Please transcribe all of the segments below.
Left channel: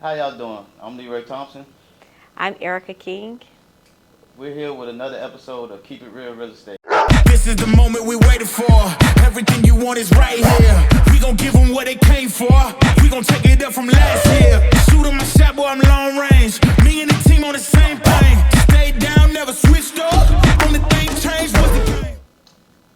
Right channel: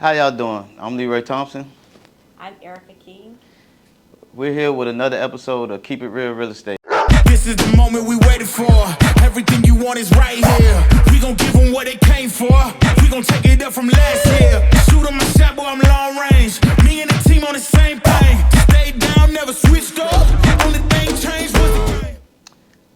How y'all doing? I'm Leroy Thompson. I'm Erika King. We're here with another episode of Keep It Real Real Estate. This is the moment we waited for. Everything you want is right here. We gon' give them what they came for. We gon' take it up from last year. Shoot 'em my shot, boy, I'm long range. Me and the team on the same thing. Stayed down, never switched up. Only thing changed was the game.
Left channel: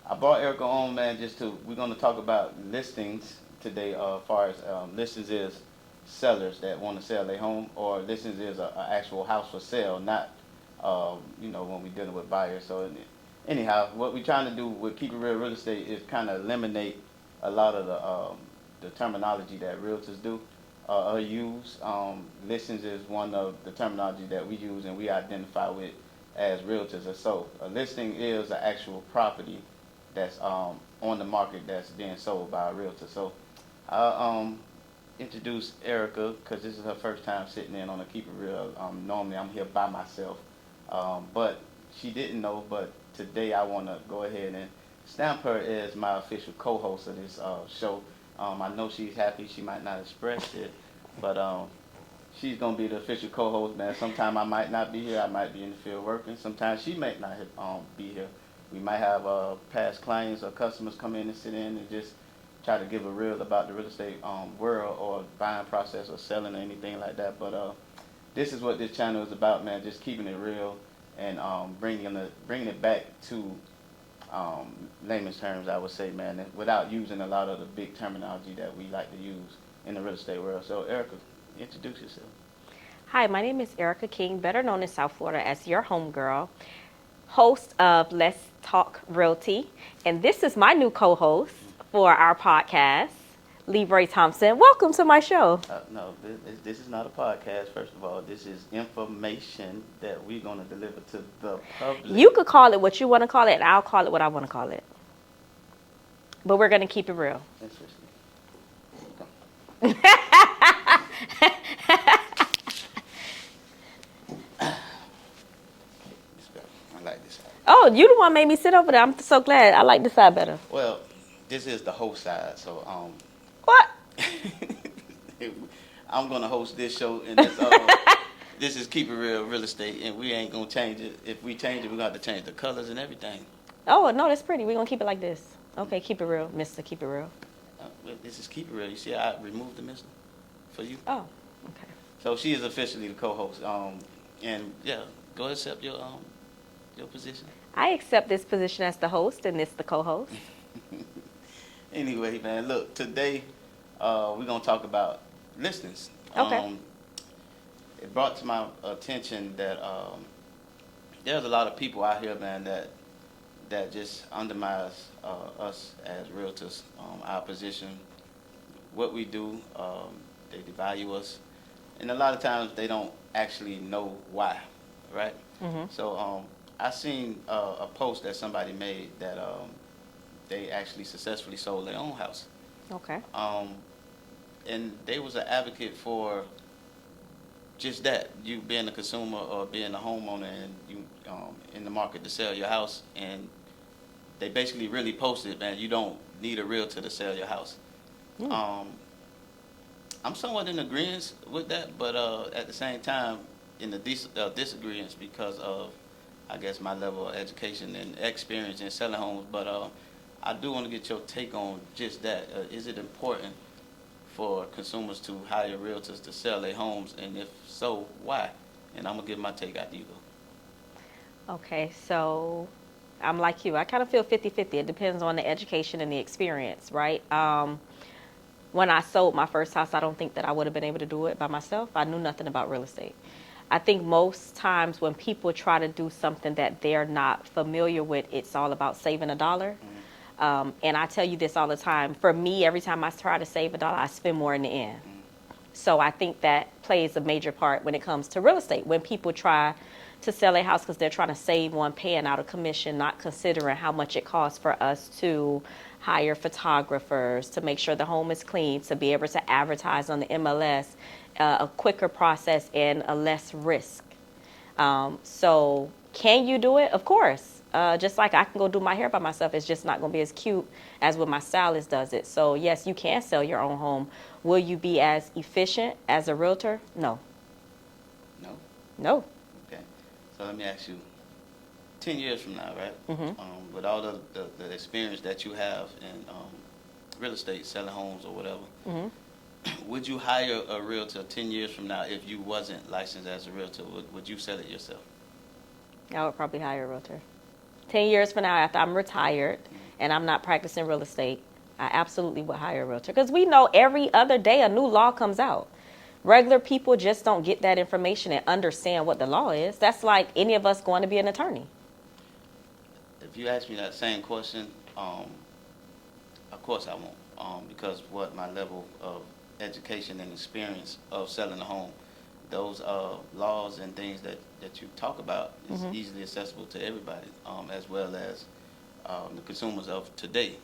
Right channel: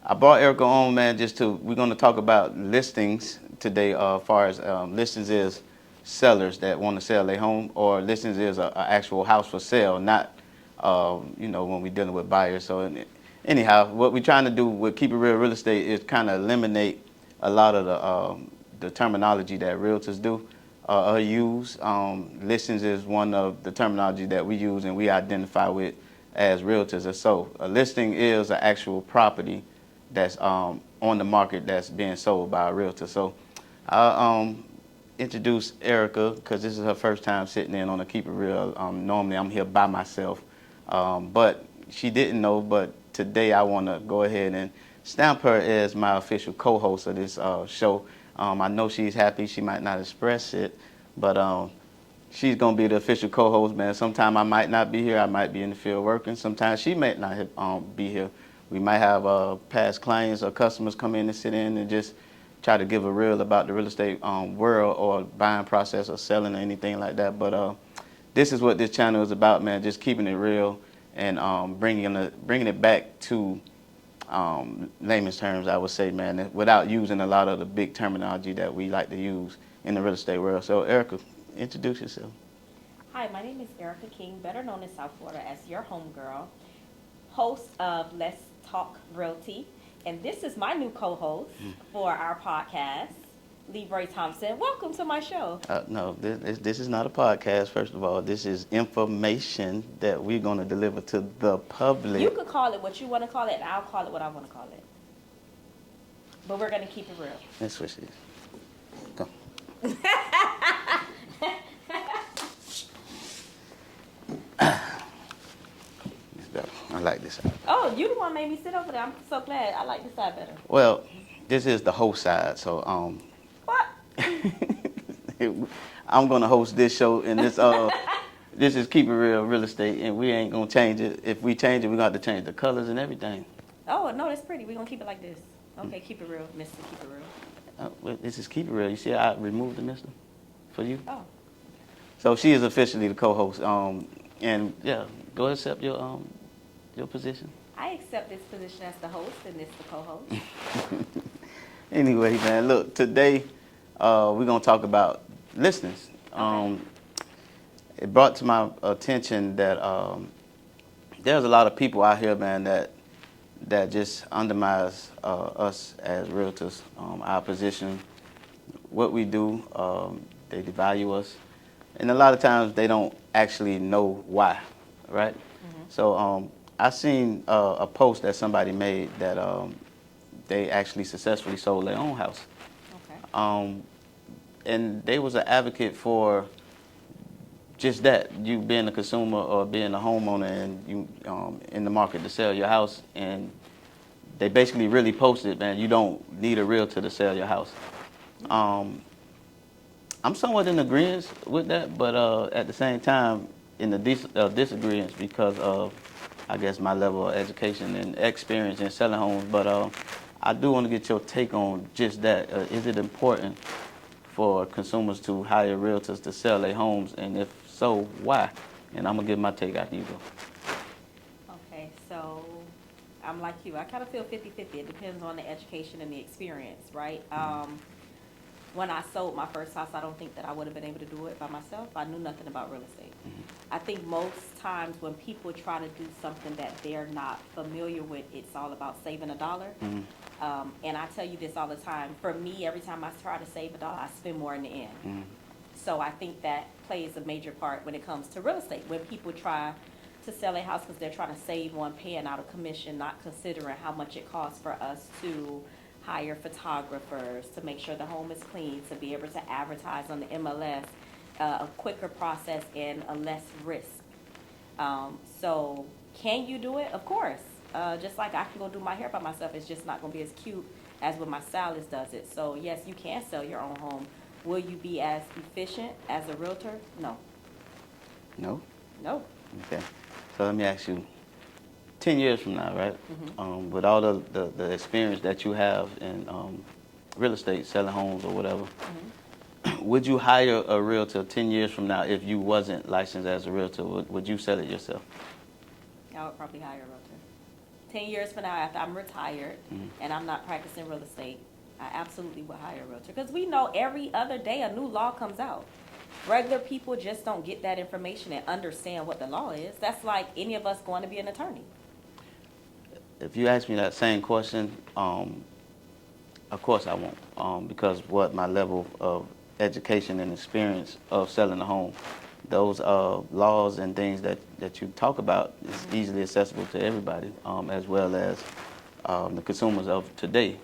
I brought Erika on, man, we're going to talk about listings today. As far as listings is sellers that want to sell their home, or listings is an actual house for sale, not, when we're dealing with buyers. So anyhow, what we're trying to do with Keep It Real Real Estate is kind of eliminate a lot of the terminology that realtors do use. Listings is one of the terminology that we use and we identify with as realtors. So a listing is an actual property that's on the market that's being sold by a realtor. So I'll introduce Erika because this is her first time sitting in on a Keep It Real. Normally I'm here by myself, but she didn't know. But today I want to go ahead and stamp her as my official co-host of this show. I know she's happy. She might not express it, but she's going to be the official co-host, man. Sometime I might not be here. I might be in the field working. Sometimes she might not be here. We might have past clients or customers come in and sit in and just try to give a reel about the real estate world or buying process or selling or anything like that. But this is what this channel is about, man, just keeping it real and bringing it back to layman's terms, I would say, man, without using a lot of the big terminology that we like to use in the real estate world. So, Erika, introduce yourself. Hi, my name is Erika King, better known in South Florida as your homegirl, host of Let's Talk Realty. And this is my new co-host for our podcast, Leroy Thompson. Welcome to my show. No, this is not a podcast, first of all. This is information that we're going to deliver to the public. You could call it what you want to call it, and I'll call it what I want to call it. But we're going to keep it real. Let's switch these. Go. It's better. I like this side. Oh, you the one made me sit over there. I'm so glad. I like this side better. Well, this is the host side, so What? I'm gonna host this show, and this is Keep It Real Real Estate, and we ain't gonna change it. If we change it, we're gonna have to change the colors and everything. Oh, no, that's pretty. We're going to keep it like this. Okay, keep it real, Mr. Keep It Real. Well, this is Keep It Real. You see, I removed the mister for you. Oh, okay. So she is officially the co-host. And yeah, go ahead and accept your position. I accept this position as the host and this the co-host. Anyway, man, look, today we're gonna talk about listings. Okay. It brought to my attention that there's a lot of people out here, man, that just undermines us as realtors, our position, what we do. They devalue us, and a lot of times they don't actually know why, right? Mm-hmm. So I seen a post that somebody made that they actually successfully sold their own house. Okay. And they was an advocate for just that, you being a consumer or being a homeowner and you in the market to sell your house. And they basically really posted, man, you don't need a realtor to sell your house. Yeah. I'm somewhat in agreement with that, but at the same time, in the disagreement because of, I guess, my level of education and experience in selling homes. But I do want to get your take on just that. Is it important for consumers to hire realtors to sell their homes, and if so, why? And I'm gonna give my take after you go. Okay, so I'm like you. I kind of feel 50-50. It depends on the education and the experience, right? When I sold my first house, I don't think that I would have been able to do it by myself. I knew nothing about real estate. I think most times when people try to do something that they're not familiar with, it's all about saving a dollar. And I tell you this all the time. For me, every time I try to save a dollar, I spend more in the end. So I think that plays a major part when it comes to real estate. When people try to sell a house because they're trying to save on paying out a commission, not considering how much it costs for us to hire photographers, to make sure the home is clean, to be able to advertise on the MLS, a quicker process and a less risk. So can you do it? Of course. Just like I can go do my hair by myself, it's just not going to be as cute as when my stylist does it. So yes, you can sell your own home, Will you be as efficient as a realtor? No. No? No. Okay. So let me ask you, 10 years from now, right? Mm-hmm. With all the experience that you have in real estate, selling homes or whatever, would you hire a realtor 10 years from now if you wasn't licensed as a realtor? Would you sell it yourself? I would probably hire a realtor. 10 years from now, after I'm retired and I'm not practicing real estate, I absolutely would hire a realtor. Because we know every other day a new law comes out. Regular people just don't get that information and understand what the law is. That's like any of us going to be an attorney. If you ask me that same question, of course I won't, because what my level of education and experience of selling a home, those laws and things that you talk about is easily accessible to everybody, as well as the consumers of today.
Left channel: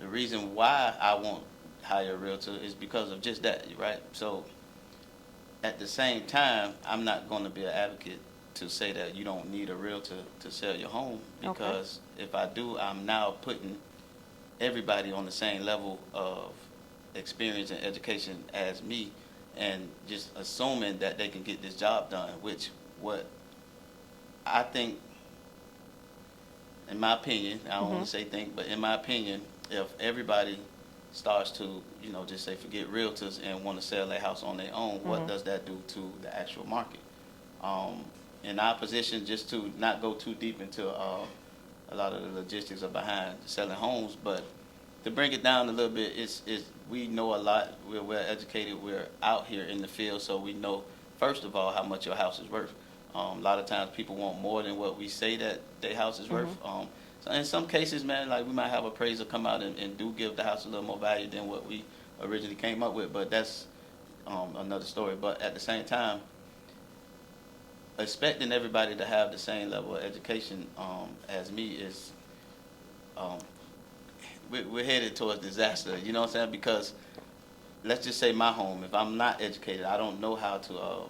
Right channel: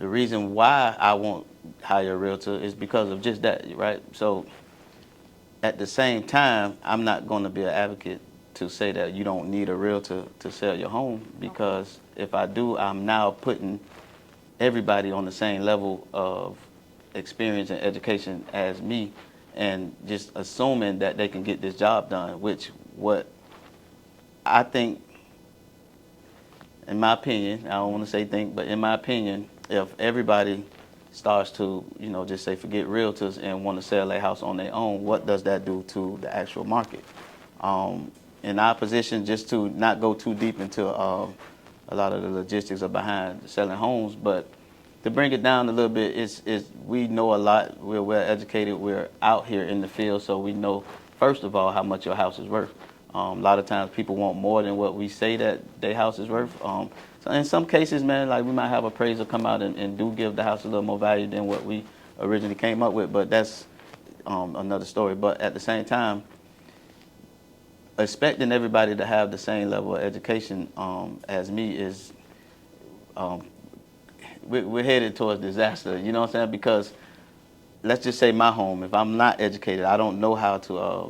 The reason why I won't hire a realtor is because of just that, right? So at the same time, I'm not going to be an advocate to say that you don't need a realtor to sell your home, because if I do, I'm now putting everybody on the same level of experience and education as me, and just assuming that they can get this job done, which what I think, in my opinion, I don't want to say think, but in my opinion, if everybody starts to, just say forget realtors and want to sell their house on their own, what does that do to the actual market? In our position, just to not go too deep into a lot of the logistics are behind selling homes, but to bring it down a little bit, is we know a lot. We're well educated. We're out here in the field, so we know first of all how much your house is worth. A lot of times people want more than what we say that their house is worth. So in some cases, man, like we might have appraiser come out and do give the house a little more value than what we originally came up with, but that's another story. But at the same time, expecting everybody to have the same level of education as me is, we're headed towards disaster. You know what I'm saying? Because let's just say my home, if I'm not educated, I don't know how to,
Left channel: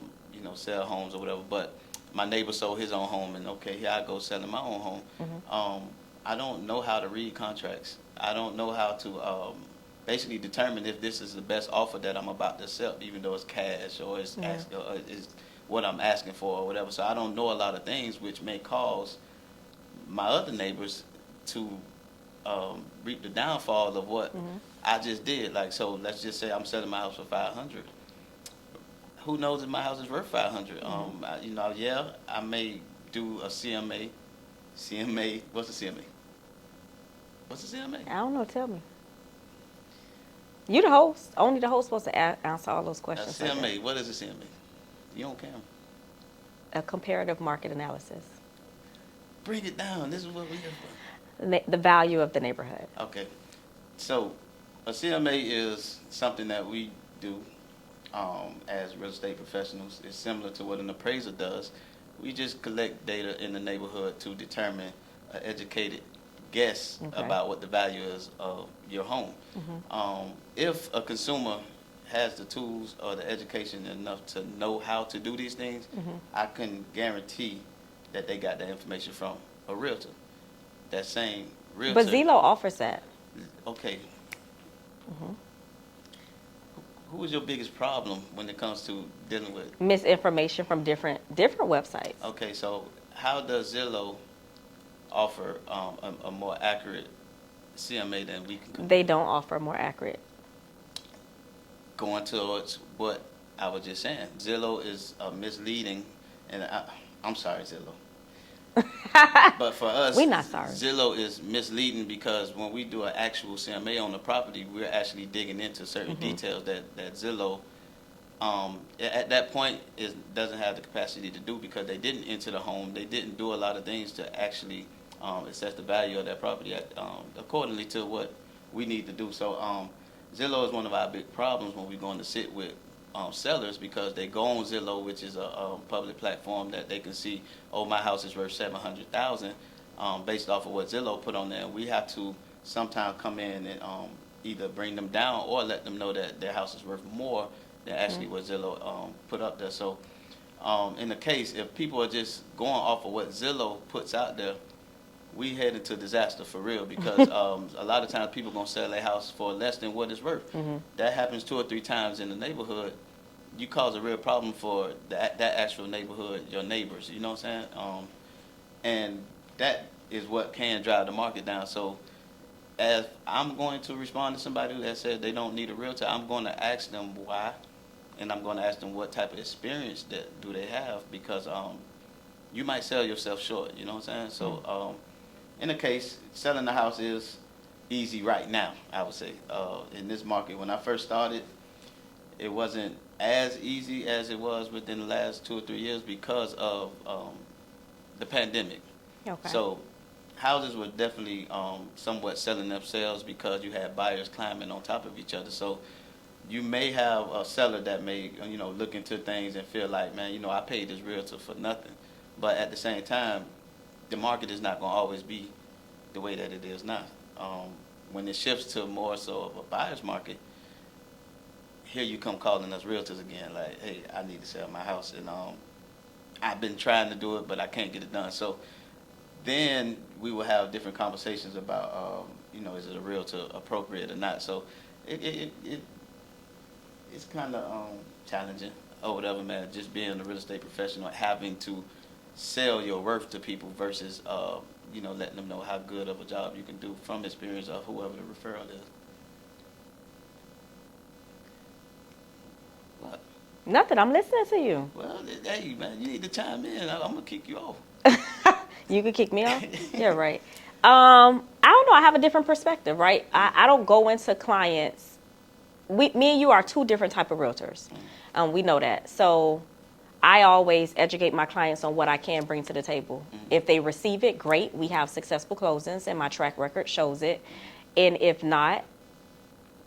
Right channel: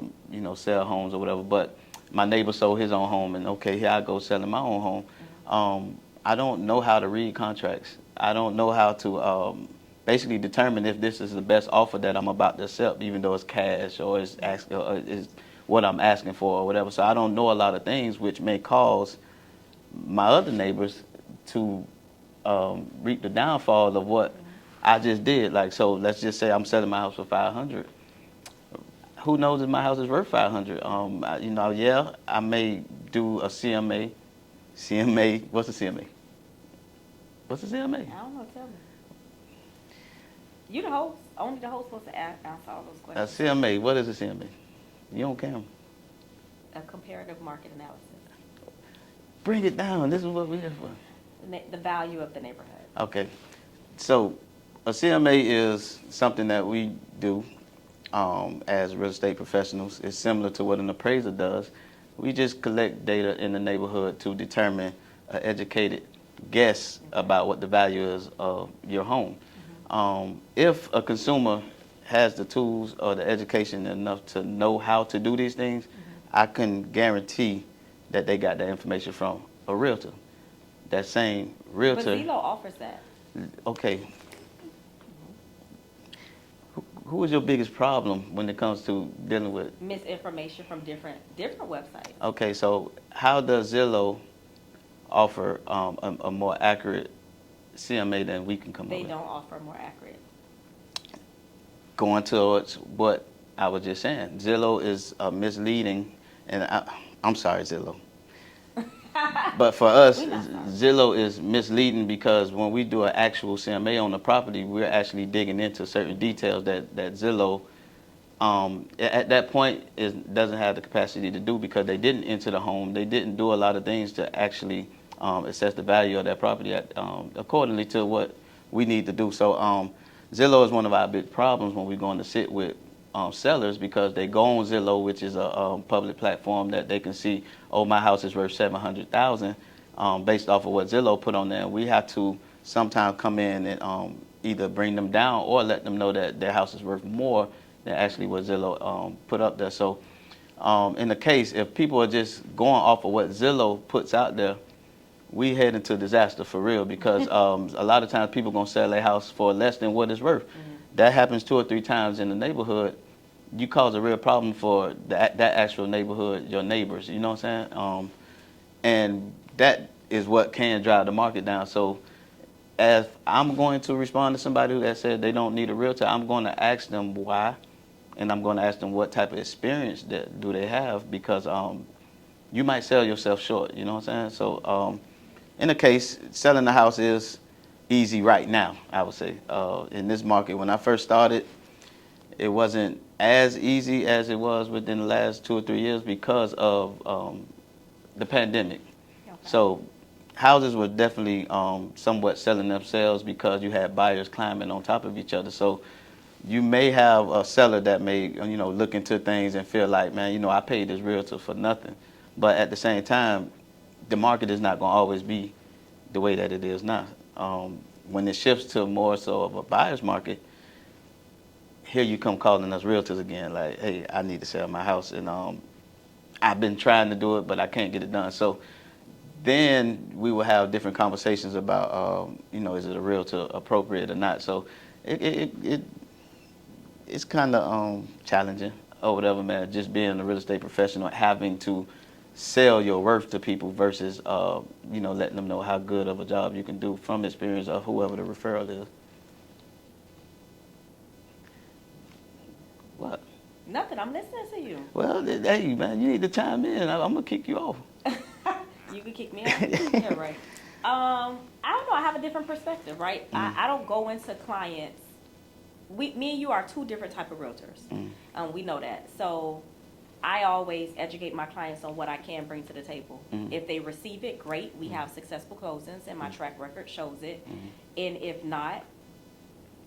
sell homes or whatever, but my neighbor sold his own home, and okay, here I go selling my own home. I don't know how to read contracts. I don't know how to basically determine if this is the best offer that I'm about to accept, even though it's cash or it's or is what I'm asking for or whatever. So I don't know a lot of things, which may cause my other neighbors to reap the downfall of what I just did. Like, so let's just say I'm selling my house for $500. Who knows if my house is worth $500? Yeah, I may do a CMA. CMA, what's a CMA? What's a CMA? I don't know. Tell me. You the host. Only the host supposed to answer all those A questions. CMA, what is a CMA? You don't count. A comparative market analysis. Bring it down. This is what we're here for. The value of the neighborhood. Okay. So a CMA is something that we do as real estate professionals. It's similar to what an appraiser does. We just collect data in the neighborhood to determine an educated guess about what the value is of your home. If a consumer has the tools or the education enough to know how to do these things, I can guarantee that they got that information from a realtor. That same realtor. But Zillow offers that. Okay. Who is your biggest problem when it comes to dealing with? Misinformation from different websites. Okay, so how does Zillow offer a more accurate CMA than we can come They up with? don't offer more accurate. Going towards what I was just saying, Zillow is misleading, and I'm sorry, Zillow. But for us, We not sorry. Zillow is misleading because when we do an actual CMA on the property, we're actually digging into certain details that Zillow, at that point, doesn't have the capacity to do, because they didn't enter the home. They didn't do a lot of things to actually assess the value of that property accordingly to what we need to do. So Zillow is one of our big problems when we're going to sit with sellers, because they go on Zillow, which is a public platform that they can see, oh, my house is worth $700,000 based off of what Zillow put on there. And we have to sometimes come in and either bring them down or let them know that their house is worth more than actually what Zillow put up there. So in the case, if people are just going off of what Zillow puts out there, we head into disaster for real because a lot of times people gonna sell their house for less than what it's worth. That happens 2 or 3 times in the neighborhood. You cause a real problem for that actual neighborhood, your neighbors. You know what I'm saying? And that is what can drive the market down. So as I'm going to respond to somebody that said they don't need a realtor, I'm going to ask them why, and I'm going to ask them what type of experience that do they have, because you might sell yourself short. You know what I'm saying? So in the case, selling the house is easy right now, I would say. In this market, when I first started, it wasn't as easy as it was within the last 2 or 3 years because of the pandemic. Okay. So houses were definitely somewhat selling themselves because you had buyers climbing on top of each other. So you may have a seller that may, look into things and feel like, man, I paid this realtor for nothing. But at the same time, the market is not going to always be the way that it is now. When it shifts to more so of a buyer's market, here you come calling us realtors again, like, hey, I need to sell my house, and I've been trying to do it, but I can't get it done. So then we will have different conversations about, is it a realtor appropriate or not? So it's kind of challenging or whatever, man, just being a real estate professional, having to sell your worth to people versus, letting them know how good of a job you can do from experience of whoever the referral is. What? Nothing. I'm listening to you. Well, hey, man, you need to chime in. I'm going to kick you off. You could kick me out. You're right. I don't know. I have a different perspective, right? I don't go into clients. Me and you are 2 different type of realtors. We know that. So I always educate my clients on what I can bring to the table. If they receive it, great. We have successful closings, and my track record shows it. And if not,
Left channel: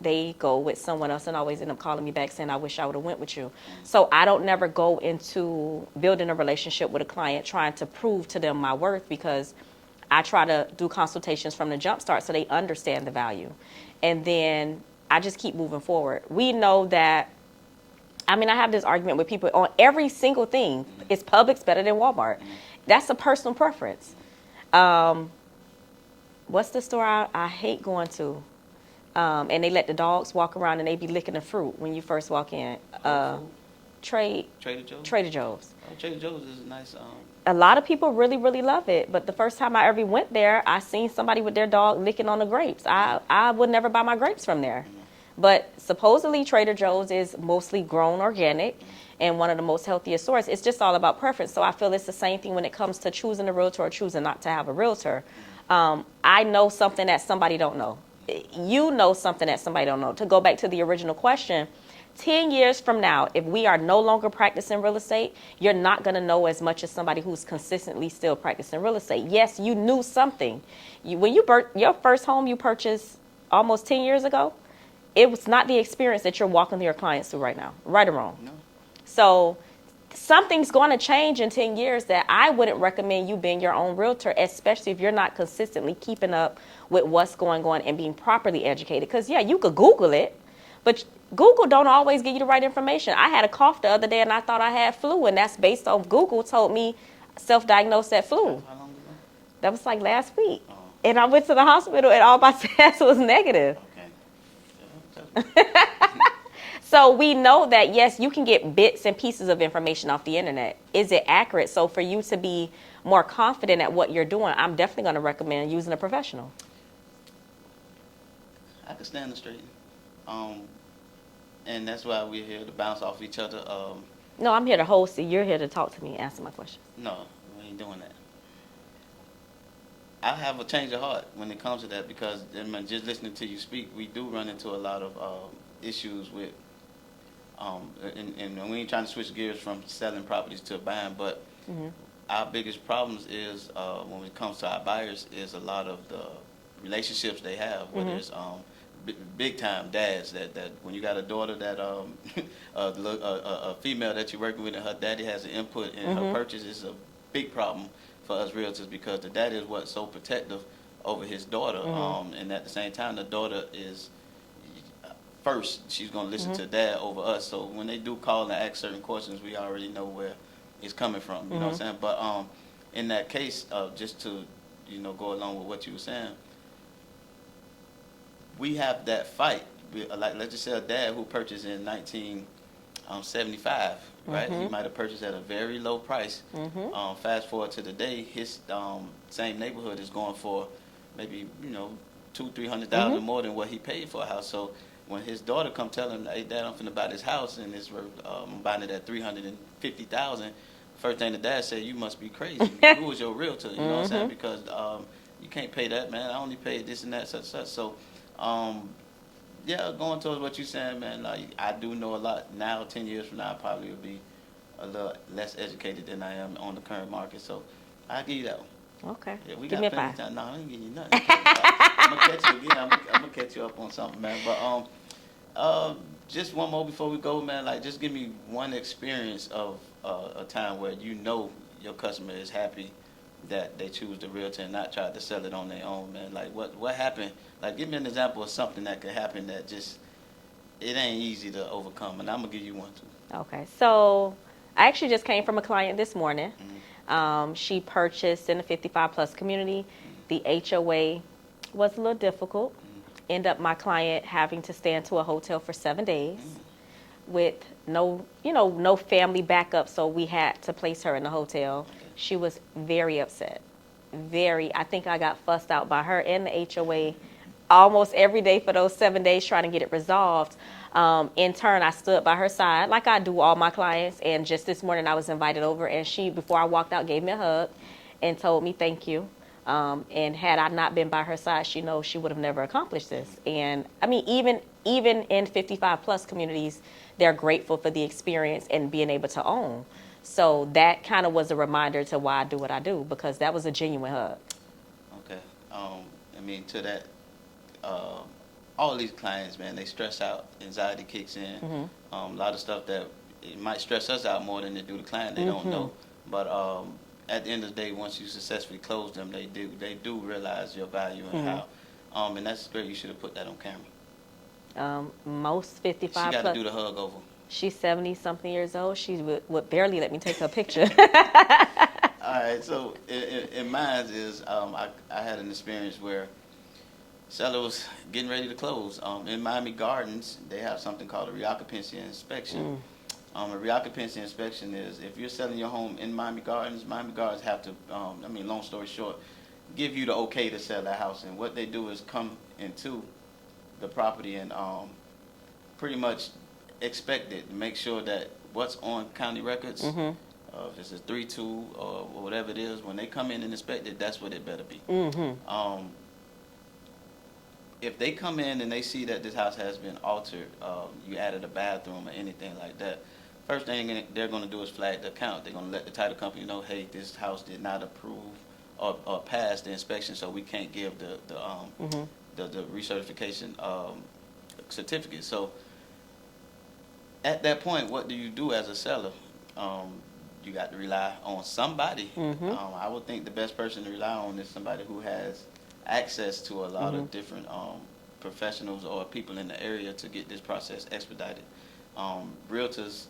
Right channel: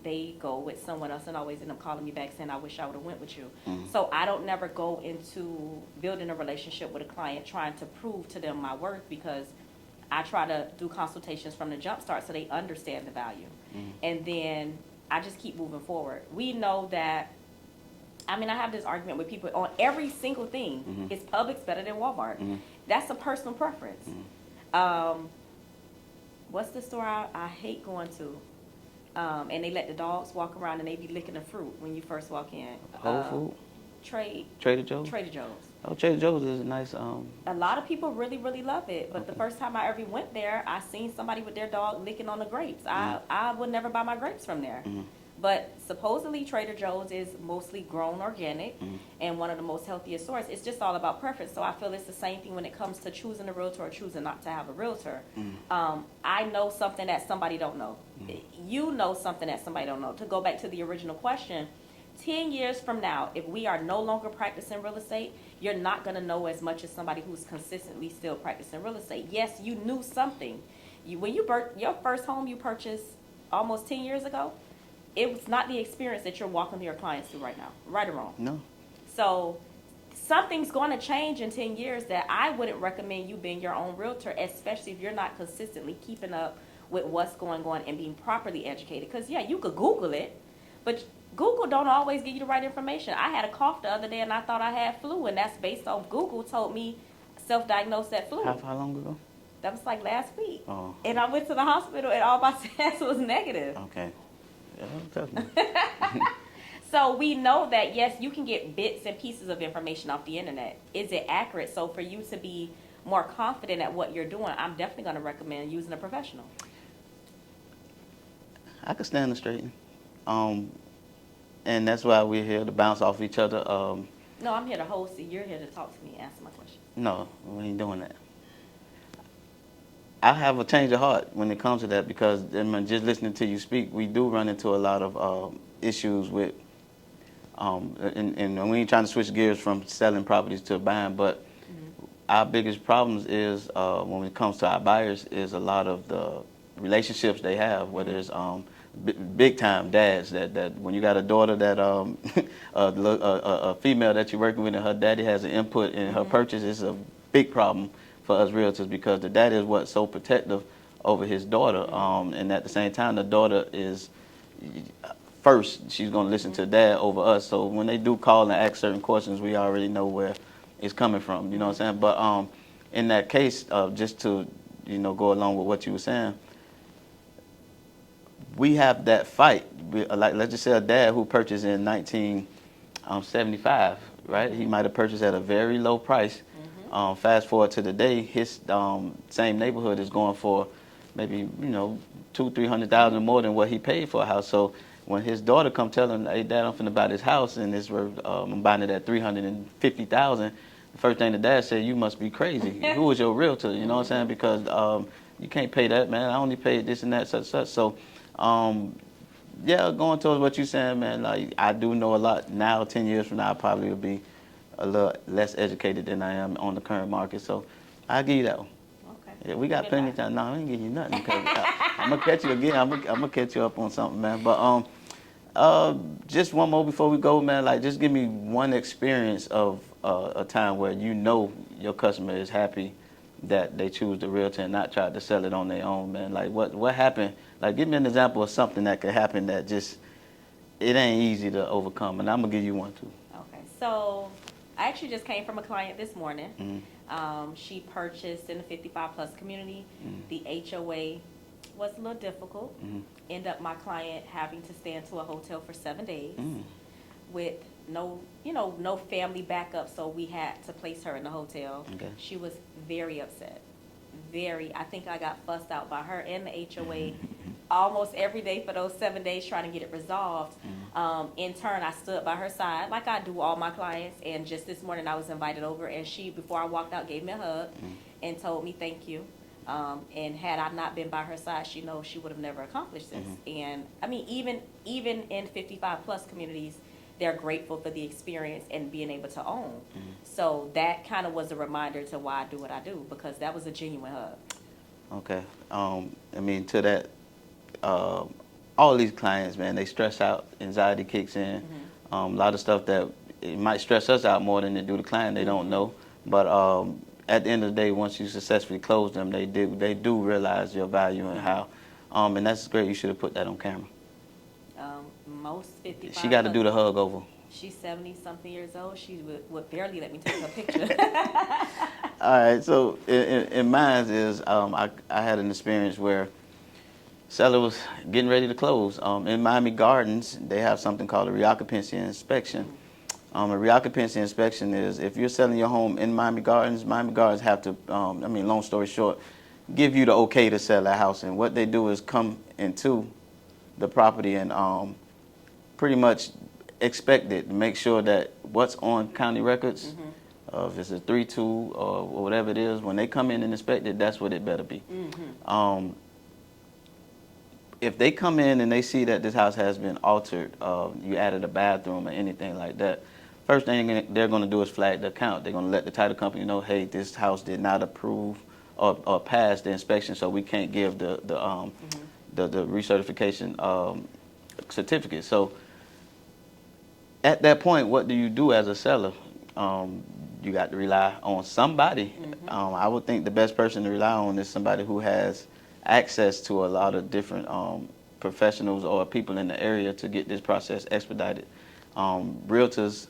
they go with someone else and always end up calling me back saying, I wish I would have went with you. So I don't never go into building a relationship with a client trying to prove to them my worth, because I try to do consultations from the jump start so they understand the value. And then I just keep moving forward. We know that, I have this argument with people on every single thing. Is Publix better than Walmart? That's a personal preference. What's the store I hate going to? And they let the dogs walk around and they be licking the fruit when you first walk in. Trader Joe's? Trader Joe's. Oh, Trader Joe's is a nice. A lot of people really, really love it. But the first time I ever went there, I seen somebody with their dog licking on the grapes. I would never buy my grapes from there. But supposedly Trader Joe's is mostly grown organic and one of the most healthiest stores. It's just all about preference. So I feel it's the same thing when it comes to choosing a realtor or choosing not to have a realtor. I know something that somebody don't know. You know something that somebody don't know. To go back to the original question, 10 years from now, if we are no longer practicing real estate, you're not going to know as much as somebody who's consistently still practicing real estate. Yes, you knew something. When you your first home you purchased almost 10 years ago, it was not the experience that you're walking your clients through right now, right or wrong. No. So something's going to change in 10 years that I wouldn't recommend you being your own realtor, especially if you're not consistently keeping up with what's going on and being properly educated. Because, yeah, you could Google it, but Google don't always give you the right information. I had a cough the other day and I thought I had flu, and that's based on Google told me self-diagnosed that flu. How long ago? That was like last week. Oh. And I went to the hospital and all my tests was negative. Okay. Yeah, So we know that, yes, you can get bits and pieces of information off the internet. Is it accurate? So for you to be more confident at what you're doing, I'm definitely going to recommend using a professional. I could stand the straightening. And that's why we're here to bounce off each other. No, I'm here to host. You're here to talk to me and answer my question. No, we ain't doing that. I have a change of heart when it comes to that, because just listening to you speak, we do run into a lot of issues with, and we ain't trying to switch gears from selling properties to buying, but our biggest problems is when it comes to our buyers is a lot of the relationships they have, whether it's big time dads that when you got a daughter that a female that you're working with and her daddy has an input in her purchase, it's a big problem for us realtors, because the daddy is what's so protective over his daughter, and at the same time the daughter is first, she's going to listen to dad over us. So when they do call and ask certain questions, we already know where it's coming from, you know what I'm saying? But in that case, just to go along with what you were saying. We have that fight. Like, let's just say a dad who purchased in 1975, right? He might have purchased at a very low price. Fast forward to today, his same neighborhood is going for maybe, two, 300,000 more than what he paid for a house. So when his daughter come tell him, "Hey, Dad, I'm finna buy this house and it's worth, I'm buying it at 350,000," the first thing the dad said, "You must be crazy. Who was your realtor?" You know what I'm saying? Because you can't pay that, man. I only paid this and that, such. So, yeah, going towards what you're saying, man. Like, I do know a lot now. 10 years from now, I probably will be a little less educated than I am on the current market. So, I'll give you that one. Okay. Yeah, we Give got me a plenty of 5. time. No, I ain't giving you nothing. I'm gonna catch you again. I'm gonna catch you up on something, man. But just one more before we go, man. Like, just give me one experience of a time where your customer is happy that they choose the realtor and not try to sell it on their own, man. Like, what happened? Like, give me an example of something that could happen that just it ain't easy to overcome. And I'm gonna give you one too. Okay. So I actually just came from a client this morning. She purchased in the 55 plus community. The HOA was a little difficult. End up my client having to stay into a hotel for 7 days with no family backup, so we had to place her in the hotel. Okay. She was very upset. I think I got fussed out by her and the HOA almost every day for those 7 days trying to get it resolved. In turn, I stood by her side like I do all my clients. And just this morning, I was invited over, and she, before I walked out, gave me a hug and told me thank you. And had I not been by her side, she knows she would have never accomplished this. And I mean, even in 55 plus communities, they're grateful for the experience and being able to own. So that kind of was a reminder to why I do what I do, because that was a genuine hug. Okay. I mean, to that, all these clients, man, they stress out, anxiety kicks in. A lot of stuff that it might stress us out more than it do the client. They don't know. But at the end of the day, once you successfully close them, they do realize your value and how. And that's great. You should have put that on camera. Most 55 She got to plus, do the hug over. she's 70-something years old. She would barely let me take her picture. All right. So in mine is I had an experience where seller was getting ready to close. In Miami Gardens, they have something called a reoccupancy inspection. A reoccupancy inspection is if you're selling your home in Miami Gardens have to, long story short, give you the okay to sell that house. And what they do is come into the property and pretty much expect it to make sure that what's on county records, if it's a 3-2 or whatever it is, when they come in and inspect it, that's what it better be. If they come in and they see that this house has been altered, you added a bathroom or anything like that, first thing they're going to do is flag the account. They're going to let the title company know, hey, this house did not approve or pass the inspection, so we can't give the recertification certificate. So at that point, what do you do as a seller? You got to rely on somebody. I would think the best person to rely on is somebody who has access to a lot of different professionals or people in the area to get this process expedited. Realtors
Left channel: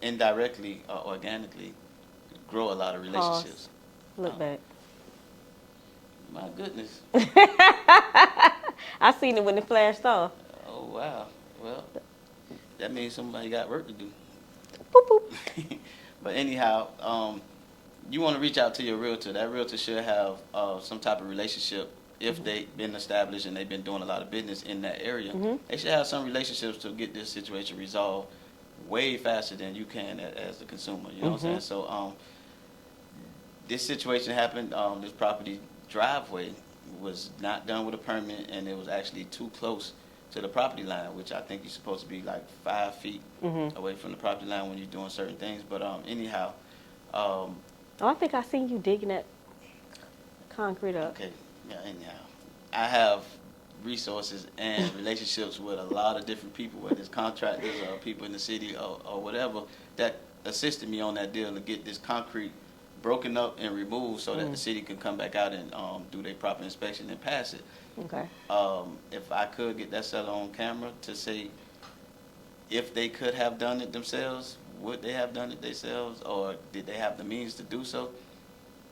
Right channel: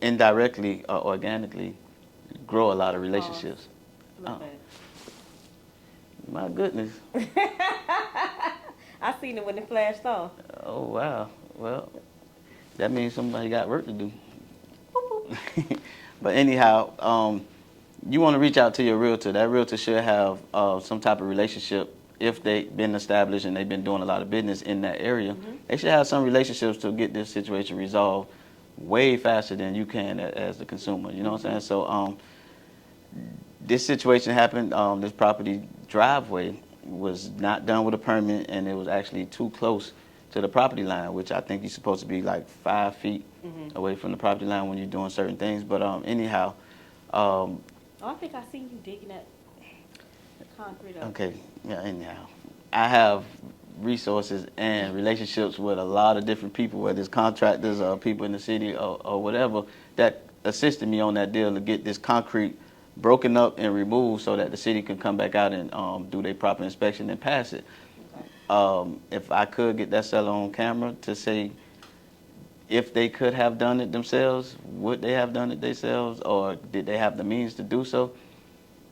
indirectly or organically grow a lot of relationships. Look back. My goodness. I seen it when it flashed off. Oh, wow. Well, that means somebody got work to do. Boop, boop. But anyhow, you want to reach out to your realtor. That realtor should have some type of relationship. If they've been established and they've been doing a lot of business in that area, they should have some relationships to get this situation resolved way faster than you can as the consumer. You know what I'm saying? So this situation happened. This property driveway was not done with a permit, and it was actually too close to the property line, which I think you're supposed to be like 5 feet away from the property line when you're doing certain things. But anyhow. I think I seen you digging that concrete up. Okay, yeah, anyhow. I have resources and relationships with a lot of different people, whether it's contractors or people in the city or whatever, that assisted me on that deal to get this concrete broken up and removed so that the city can come back out and do their proper inspection and pass it. Okay. If I could get that seller on camera to say if they could have done it themselves, would they have done it themselves, or did they have the means to do so?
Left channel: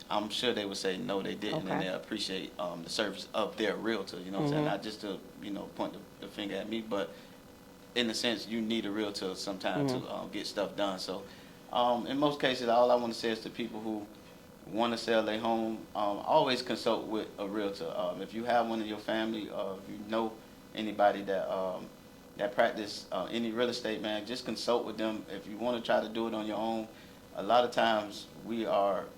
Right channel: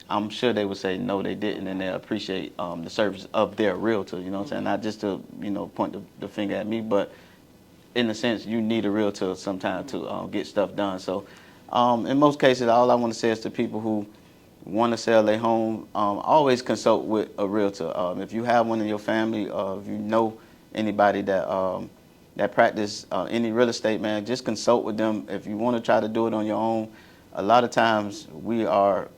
I'm sure they would say no, they didn't, and Okay. they appreciate the service of their realtor. You know what I'm saying? Not just to point the finger at me, but in a sense, you need a realtor sometimes to get stuff done. So, in most cases, all I want to say is to people who want to sell their home, always consult with a realtor. If you have one in your family, or if you know anybody that practice any real estate, man, just consult with them. If you want to try to do it on your own, a lot of times we are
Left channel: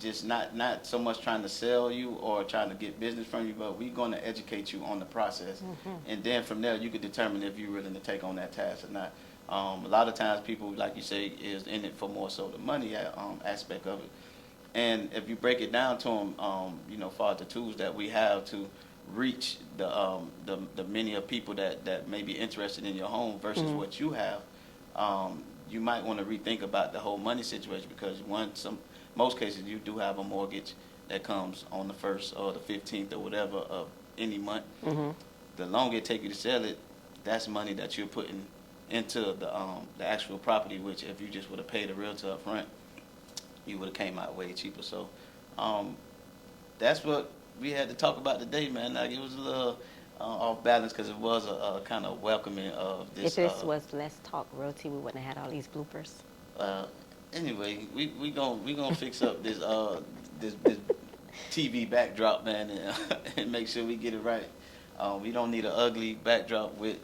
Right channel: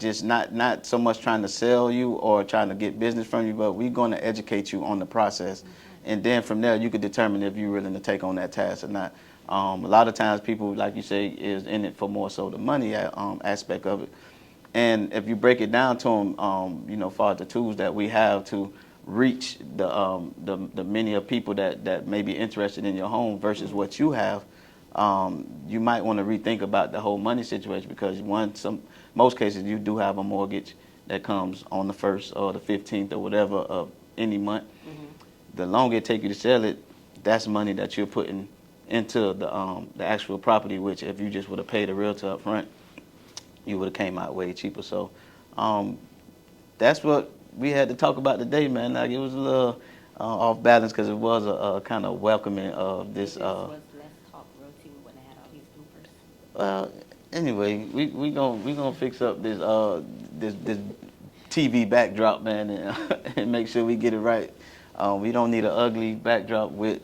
just not so much trying to sell you or trying to get business from you, but we're going to educate you on the process, and then from there you can determine if you're willing to take on that task or not. A lot of times people, like you say, is in it for more so the money aspect of it, and if you break it down to them, far as the tools that we have to reach the many of people that may be interested in your home versus what you have, you might want to rethink about the whole money situation, because most cases you do have a mortgage that comes on the 1st or the 15th or whatever of any month. The longer it take you to sell it, that's money that you're putting into the actual property, which if you just would have paid a realtor up front, you would have came out way cheaper. So that's what we had to talk about today, man. Like, it was a little off balance because it was a kind of welcoming of this. If this was Let's Talk Realty, we wouldn't have had all these bloopers. Well, anyway, we gonna fix up this TV backdrop, man, and make sure we get it right. We don't need an ugly backdrop with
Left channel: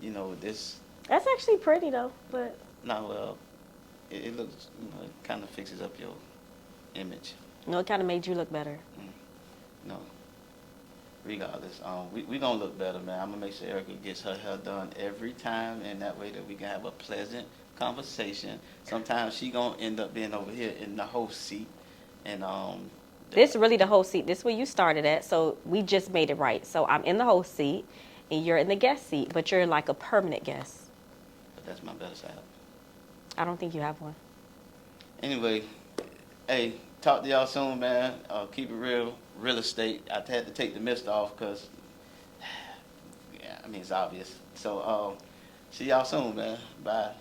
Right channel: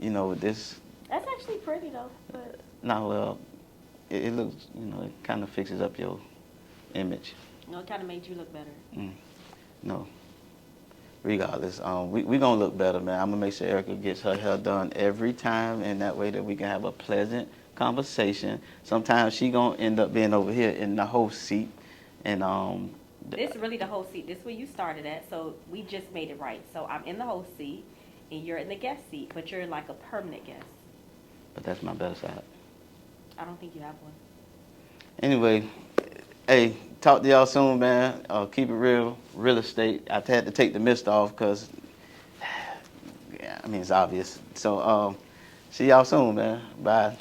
this. That's actually pretty though, but No, well, it looks, it kind of fixes up your image. it kind of made you look better. No. Regardless, we gonna look better, man. I'm gonna make sure Erika gets her hair done every time, and that way that we can have a pleasant conversation. Sometimes she gonna end up being over here in the host seat, and This really the host seat. This is where you started at, so we just made it right. So I'm in the host seat, and you're in the guest seat, but you're like a permanent guest. but that's my better side. I don't think you have one. Anyway, hey, talk to y'all soon, man. Keep it real estate. I had to take the mist off because, yeah, I mean, it's obvious. So, see y'all soon, man. Bye.